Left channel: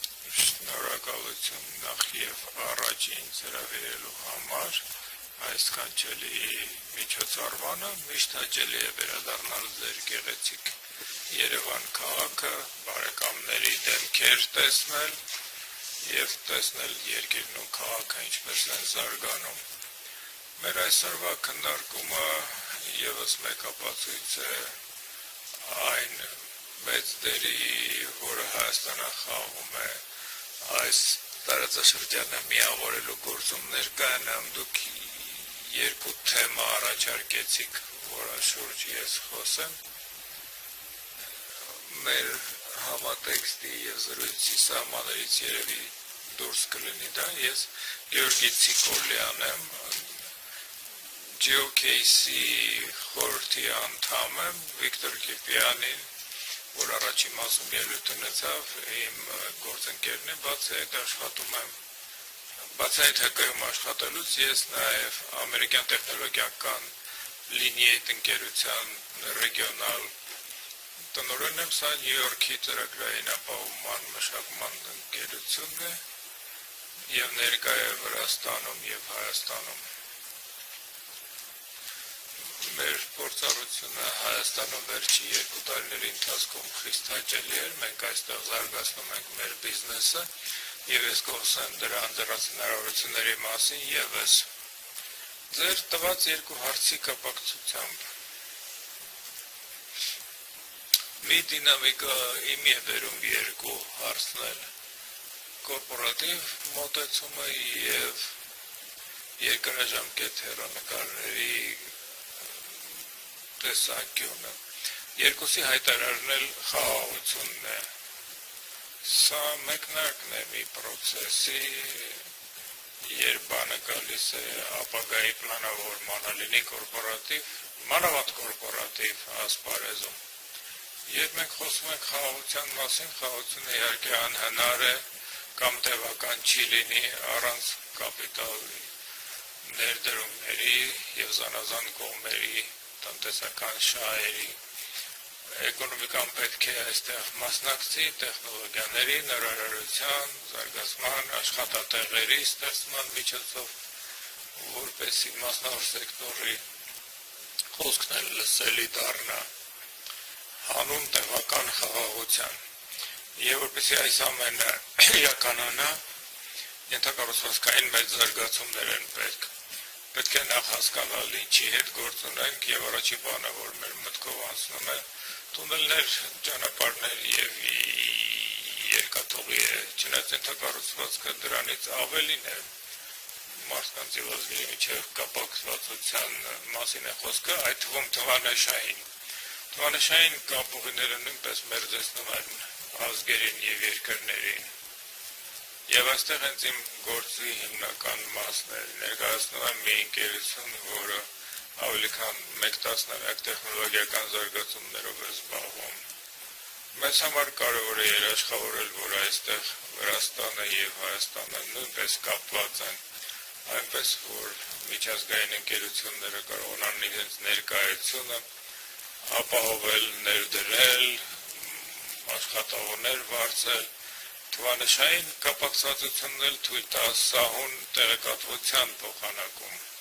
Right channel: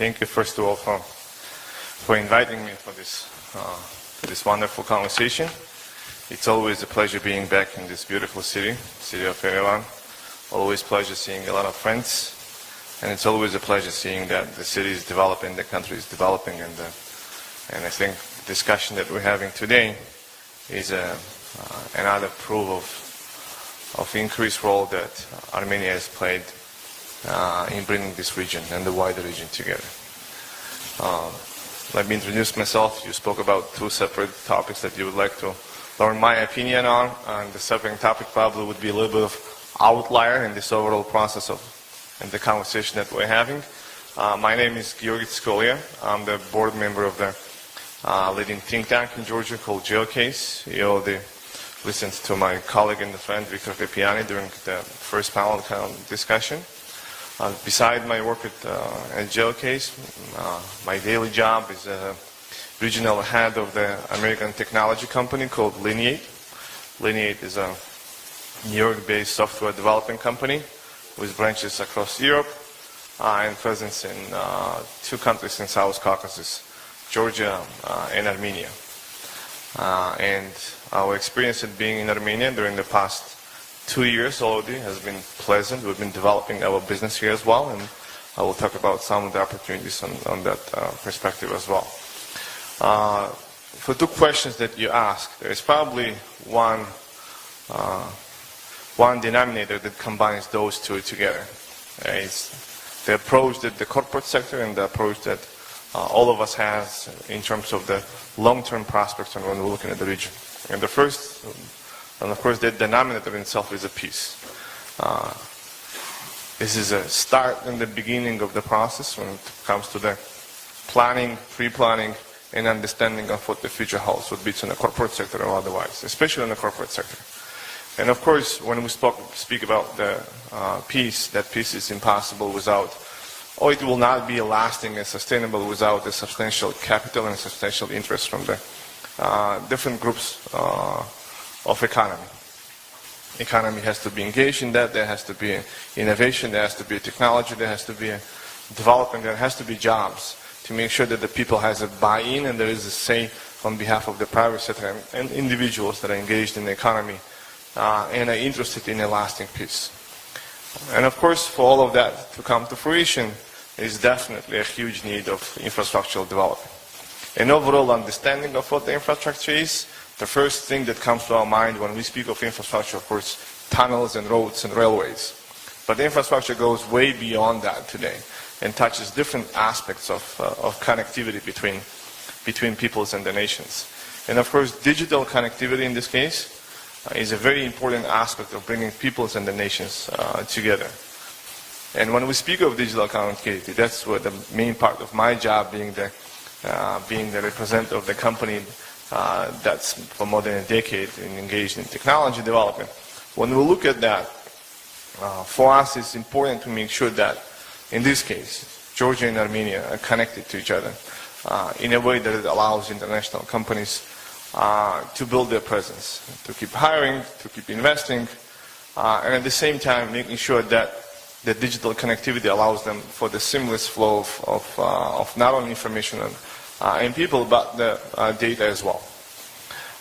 Thank you first of all for inviting me for this wonderful conversation. It's always a pleasure being back in this beautiful city of Yerevan. Always pleasure seeing a lot of friends, and it's always a pleasure seeing that the city is developing, the country is developing, and I think the discussion that we're having today is another proof of the increased role that Armenia has played in bringing this region and the wider region together. Let me introduce myself. You spoke about two separate topics that you would like to learn my opinion on. The second topic probably would be a little bit of outlier in this overall process of the conversation that we're having. My name is Giorgi Tsikolia. I'm the board member of the leading think tank in Georgia called Geocase. You already listened to my colleague and friend Victor Pepiani during the first panel discussion. Beside my work at Geocase, my daily job is regional head of the American technology company called Lineate. Lineate is a New York-based software development company with branches across Europe and presence in two countries in South Caucasus, Georgia and Armenia. And our experience at being in Armenia during the past 2 years already has been pleasant. We've been developing our business here as well, and I will talk about some of the opportunities on that perspective as well. For two questions that you asked, there is probably one denominator that combines those two together. It's the approach that the corporate sector and the approach that all of us have in terms of the long-term prospects and when we're looking at the region. And of course, the denominator in itself is the peace. This is a start and the beginning of the process when it comes to the planning, pre-planning, and understanding of what the future holds, whether it's in the corporate sector or otherwise, especially in the corporate sector. And of course, when we speak about the peace, that peace is impossible without, or it will not be lasting and sustainable without the substantial capital and substantial interest from the different groups of economy. Economy has to be engaged in that, there has to be innovation, there has to be technology, there has to be development, there has to be jobs to make sure that the people has a buy-in and there is a say on behalf of the private sector and individuals that are engaged in the economy and are interested in a lasting peace. And of course, for all of that to come to fruition is definitely a huge need of infrastructural development. An overall understanding of what the infrastructure is, the first thing that comes to our mind when we speak of infrastructure, of course, tunnels and roads and railways. But the infrastructure goes way beyond that today and touches different aspects of connectivity between peoples and the nations. And of course, digital connectivity in this case is a very important aspect of bringing peoples and the nations together. And when we speak of digital connectivity, that's where the main part of my job, being the representative of the company that's for more than a decade engaged in technology development. When we look at that, for us it's important to make sure that, in this case, Georgia and Armenia are connected to each other in a way that allows international companies to build their presence, to keep hiring, to keep investing, and at the same time making sure that the digital connectivity allows them for the seamless flow of not only information and people, but the data as well.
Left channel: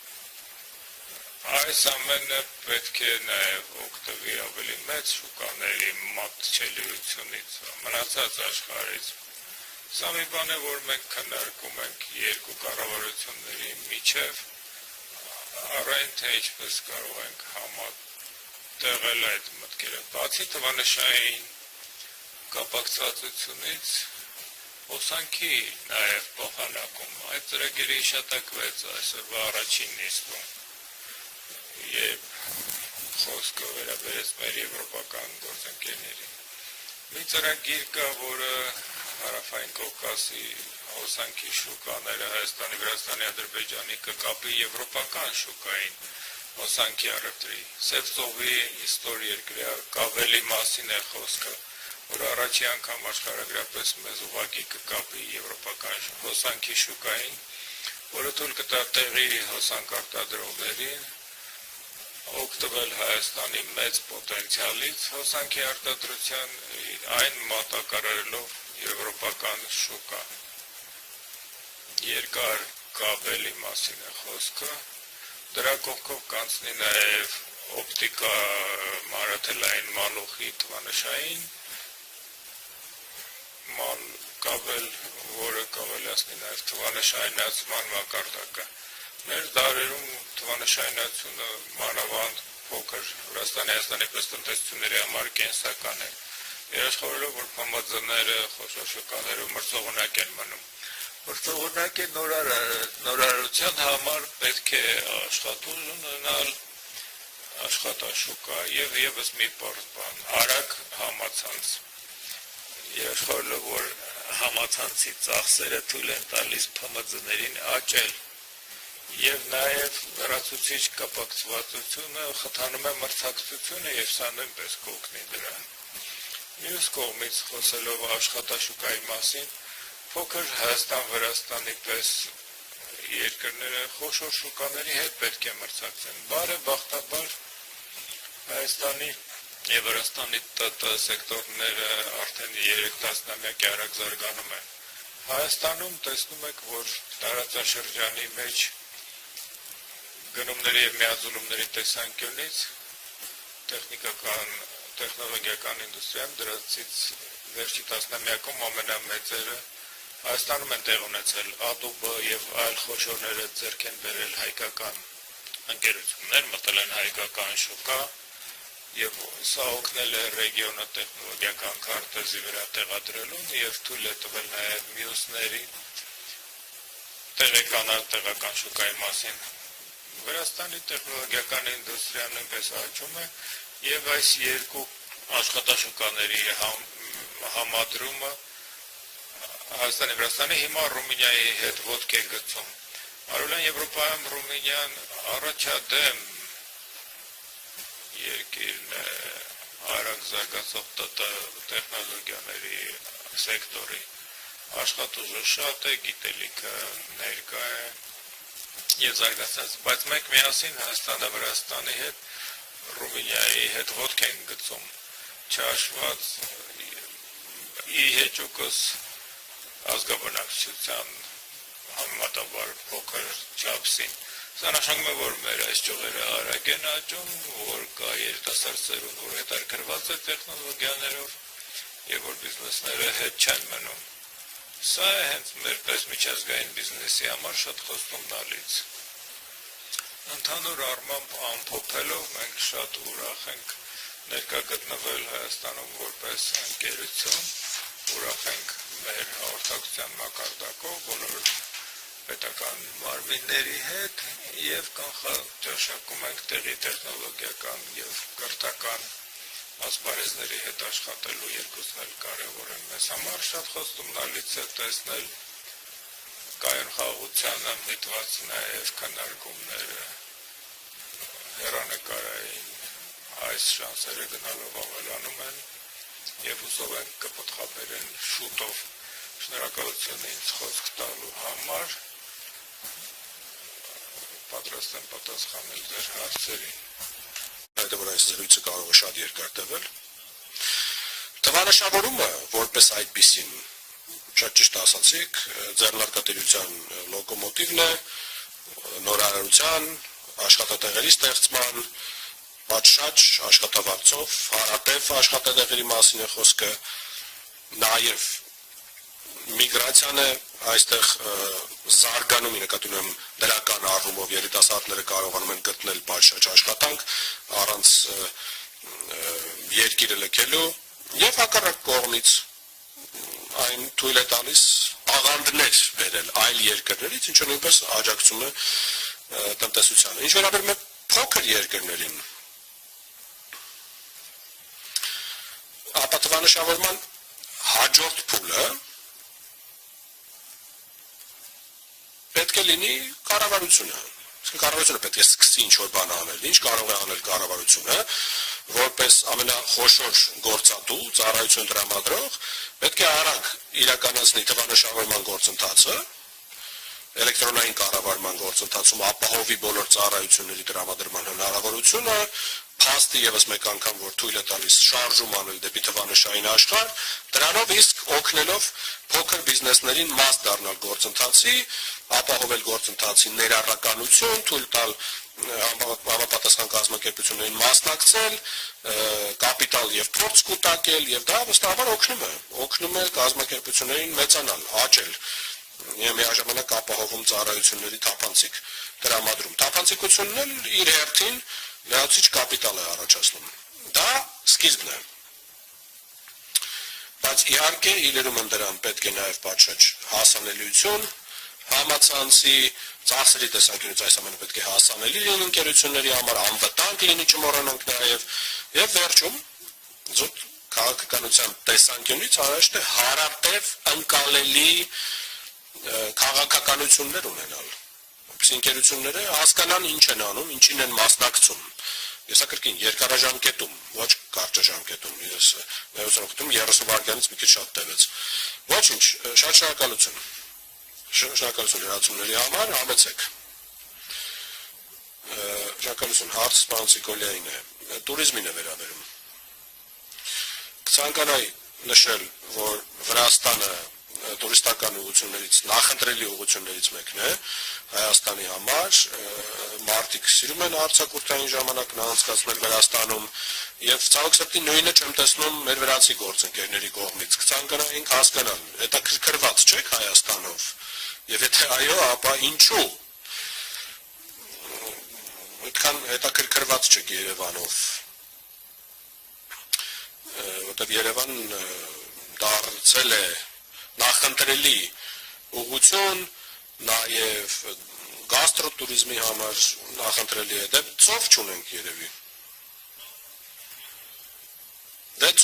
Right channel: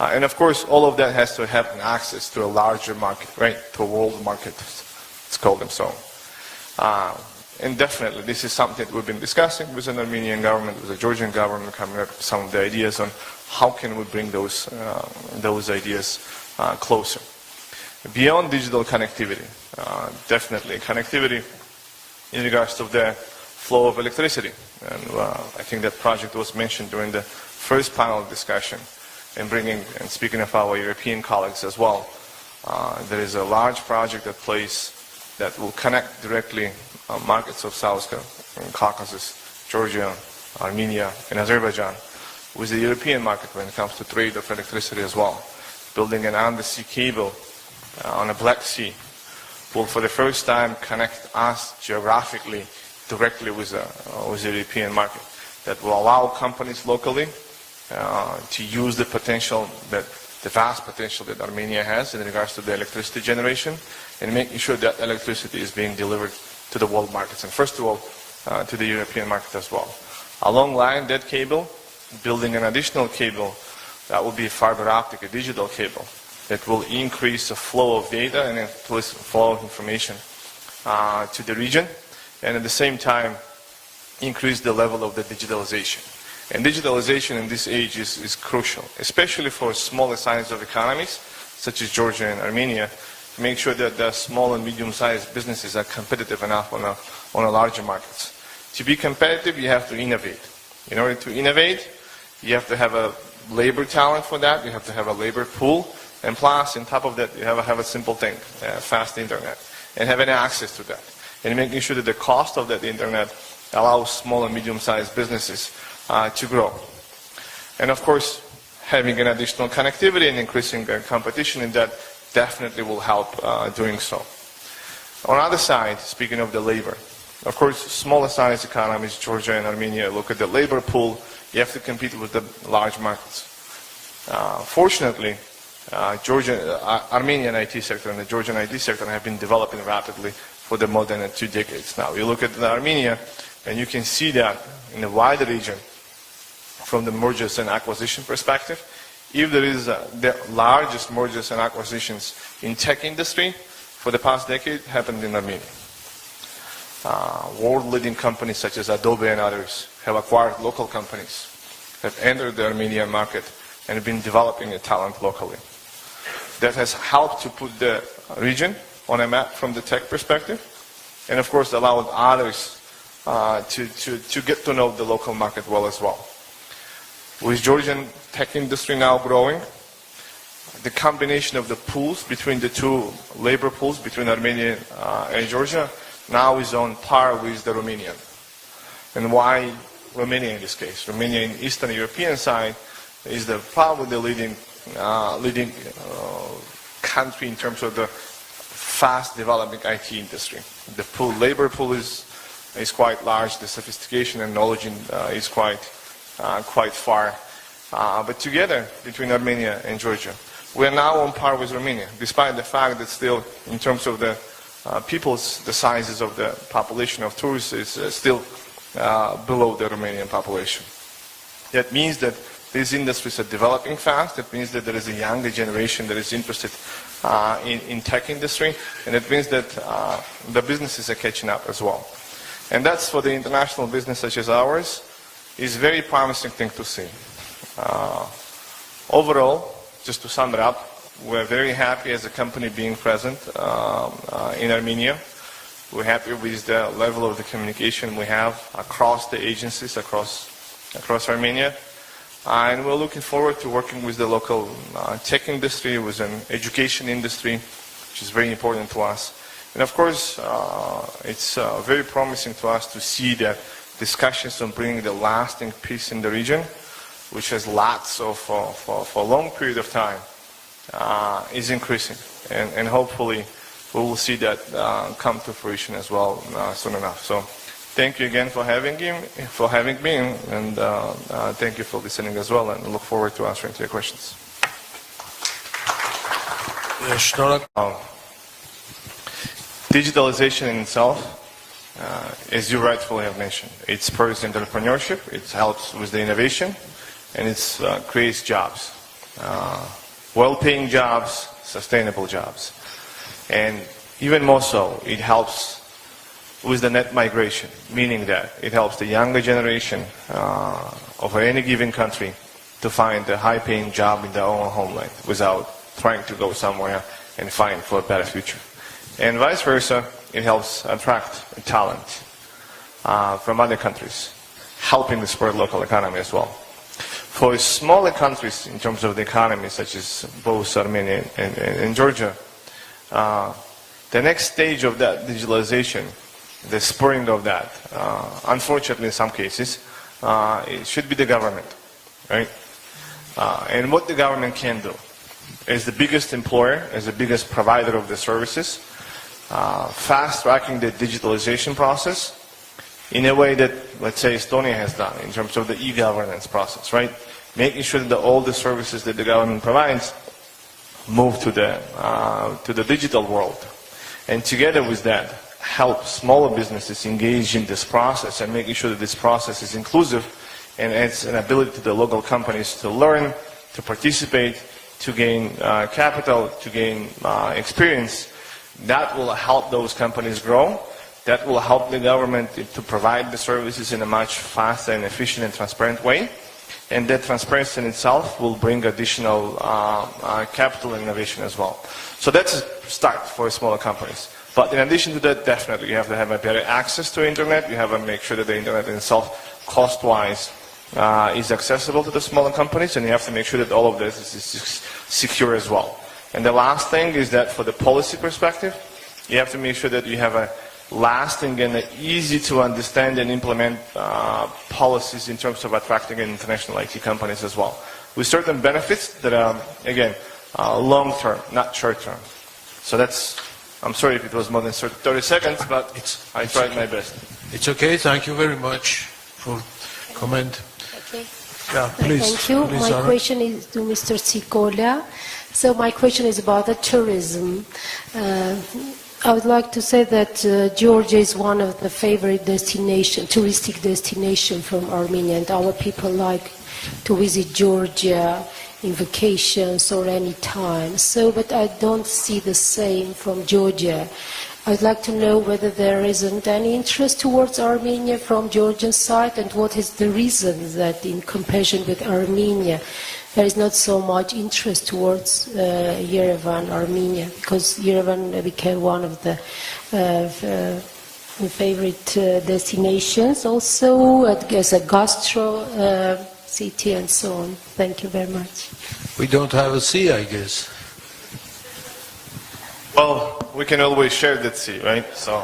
And of course, all of that has to have access to a larger market, right, to a world market, it's called and so on. And definitely, this is something that we've been discussing with the Armenian government, with the Georgian government, coming up with some of the ideas on how can we bring those ideas closer. Beyond digital connectivity, definitely connectivity in regards to the flow of electricity. And I think that project was mentioned during the first panel discussion. And speaking of our European colleagues as well, there is a large project at place that will connect directly markets of South Caucasus, Georgia, Armenia, and Azerbaijan with the European market when it comes to trade of electricity as well. Building an undersea cable on the Black Sea will for the first time connect us geographically directly with the European market. That will allow companies locally to use the potential, the vast potential that Armenia has in regards to the electricity generation, and making sure that electricity is being delivered to the world markets, and first of all, to the European market as well. Along line that cable, building an additional cable that will be a fiber optic, a digital cable that will increase the flow of data and increase the flow of information to the region, and at the same time increase the level of the digitalization. And digitalization in this age is crucial, especially for smaller size of economies such as Georgia and Armenia. Make sure that the small and medium-sized businesses are competitive enough on a larger market. To be competitive, you have to innovate. In order to innovate, you have to have a labor talent for that, you have to have a labor pool, and plus, on top of that, you have a simple thing, fast internet, and having access to that. And making sure that the cost of that internet allows small and medium-sized businesses to grow. And of course, having an additional connectivity and increasing their competition in that definitely will help doing so. On the other side, speaking of the labor, of course, smaller size economies, Georgia and Armenia, look at the labor pool, you have to compete with the large markets. Fortunately, Armenian IT sector and the Georgian IT sector have been developing rapidly for the more than 2 decades now. You look at Armenia, and you can see that in the wider region, from the mergers and acquisition perspective, if there is the largest mergers and acquisitions in tech industry, for the past decade happened in Armenia. World-leading companies such as Adobe and others have acquired local companies that entered the Armenian market and have been developing a talent locally. That has helped to put the region on a map from the tech perspective, and of course allowed others to get to know the local market well as well. With Georgian tech industry now growing, the combination of the pools between the two labor pools between Armenia and Georgia now is on par with the Romanian. And why Romania in this case? Romania in the Eastern European side is probably the leading country in terms of the fast developing IT industry. The labor pool is quite large, the sophistication and knowledge is quite far. But together, between Armenia and Georgia, we are now on par with Romania, despite the fact that still, in terms of the the sizes of the population of tourists is still below the Romanian population. That means that these industries are developing fast. That means that there is a younger generation that is interested in tech industry, and it means that the businesses are catching up as well. And that's for the international business such as ours is a very promising thing to see. Overall, just to sum it up, we're very happy as a company being present in Armenia. We're happy with the level of the communication we have across the agencies, across Armenia. And we're looking forward to working with the local tech industry, with an education industry, which is very important to us. And of course, it's very promising to us to see that discussions on bringing the lasting peace in the region, which has lapsed for a long period of time, is increasing. And hopefully we will see that come to fruition as well soon enough. So thank you again for having me, and thank you for listening as well, and look forward to answering your questions. Digitalization in itself, as you rightfully have mentioned, it spurs entrepreneurship, it helps with the innovation, and it creates jobs. Well-paying jobs, sustainable jobs. And even more so, it helps with the net migration, meaning that it helps the younger generation of any given country to find a high-paying job in their own homeland without trying to go somewhere and find for a better future. And vice versa, it helps attract talent from other countries, helping to support local economy as well. For smaller countries in terms of the economy, such as both Armenia and Georgia, the next stage of that digitalization, the spurring of that, unfortunately in some cases, it should be the government. Right? And what the government can do as the biggest employer, as the biggest provider of the services, fast-tracking the digitalization process in a way that, let's say, Estonia has done in terms of the e-governance process, right? Making sure that all the services that the government provides move to the digital world. And together with that, help smaller businesses engage in this process and making sure that this process is inclusive and it's an ability to the local companies to learn, to participate, to gain capital, to gain experience. That will help those companies grow. That will help the government to provide the services in a much faster and efficient and transparent way. And that transparency in itself will bring additional capital innovation as well. So that's a start for smaller companies. But in addition to that, definitely you have to have a better access to internet. You have to make sure that the internet itself, cost-wise, is accessible to the smaller companies, and you have to make sure that all of this is secure as well. And the last thing is that for the policy perspective, you have to make sure that you have a lasting and easy to understand and implement policies in terms of attracting international IT companies as well, with certain benefits that are, again, long-term, not short-term. So that's, I'm sorry if it was more than 30 seconds, but I tried my best. It's okay, thank you very much for comment. Yeah, please. Thank you. Please, My question is to Mr. Tsikolia. So my question is about the tourism. I would like to say that Georgia is one of the favorite touristic destinations from Armenia, and our people like to visit Georgia on vacations or any time. So, but I don't see the same from Georgia. I'd like to know whether there isn't any interest towards Armenia from Georgia's side, and what is the reason that in comparison with Armenia, there is not so much interest towards Yerevan, Armenia, because Yerevan became one of the favorite destinations, also as a gastro city and so on. Thank you very much. We don't have a sea, I guess. Well, we can always share that sea, right? So,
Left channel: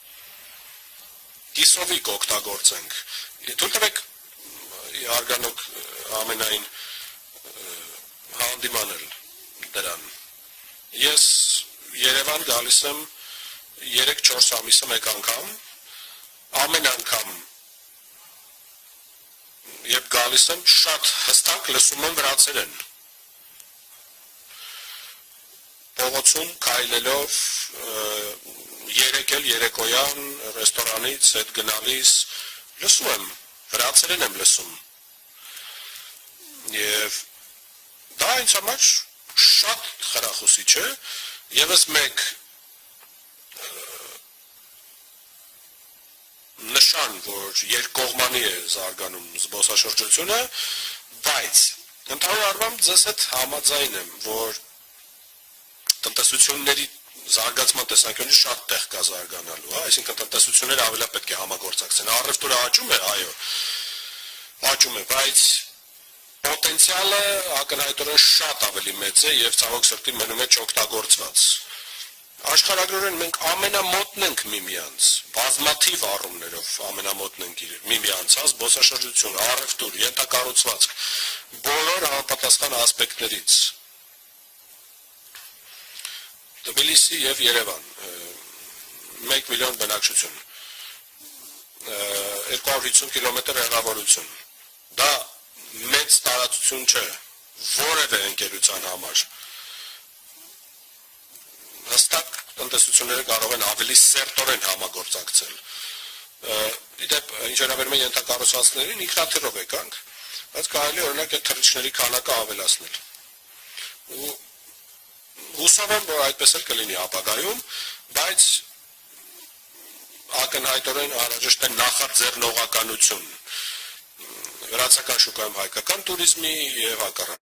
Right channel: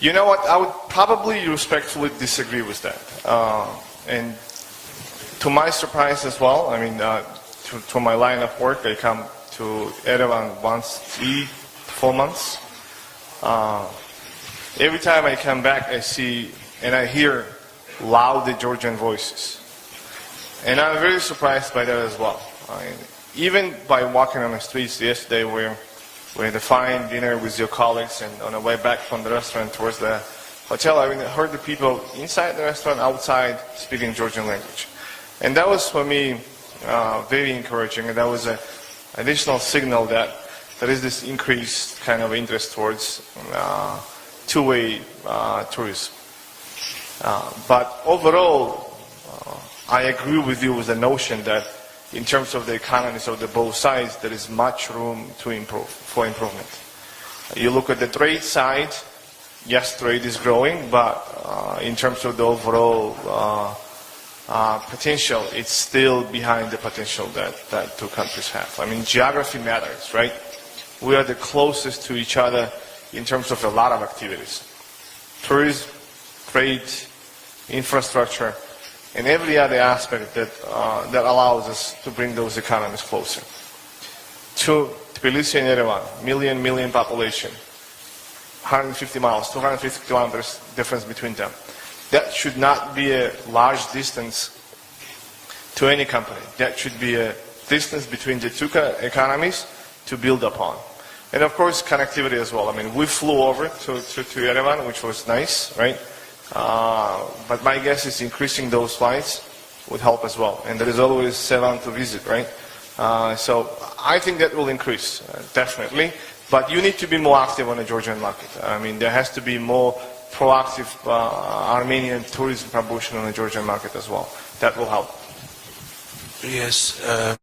you know what? I would probably respectfully disagree with that. And to my surprise as well, I mean, to my line of work, I come to Yerevan once every 4 months. Every time I come back, I see and I hear loud Georgian voices. And I'm very surprised by that as well. I mean, even by walking on the streets yesterday, we had a fine dinner with your colleagues, and on the way back from the restaurant towards the hotel, I heard the people inside the restaurant, outside, speaking Georgian language. And that was for me very encouraging, and that was an additional signal that there is this increased kind of interest towards two-way tourism. But overall, I agree with you with the notion that in terms of the economies of the both sides, there is much room for improvement. You look at the trade side, yes, trade is growing, but in terms of the overall potential, it's still behind the potential that two countries have. I mean, geography matters, right? We are the closest to each other in terms of a lot of activities. Tourism, trade, infrastructure, and every other aspect that allows us to bring those economies closer. To Tbilisi and Yerevan, million population, 150 miles, 250 kilometers difference between them. That should not be a large distance to any company. That should be a distance between the two economies to build upon. And of course, connectivity as well. I mean, we flew over to Yerevan, which was nice, right? But my guess is increasing those flights would help as well. And there is always Yerevan to visit, right? So I think that will increase, definitely. But you need to be more active on the Georgian market. I mean, there has to be more proactive Armenian tourism promotion on the Georgian market as well. That will help. Yes.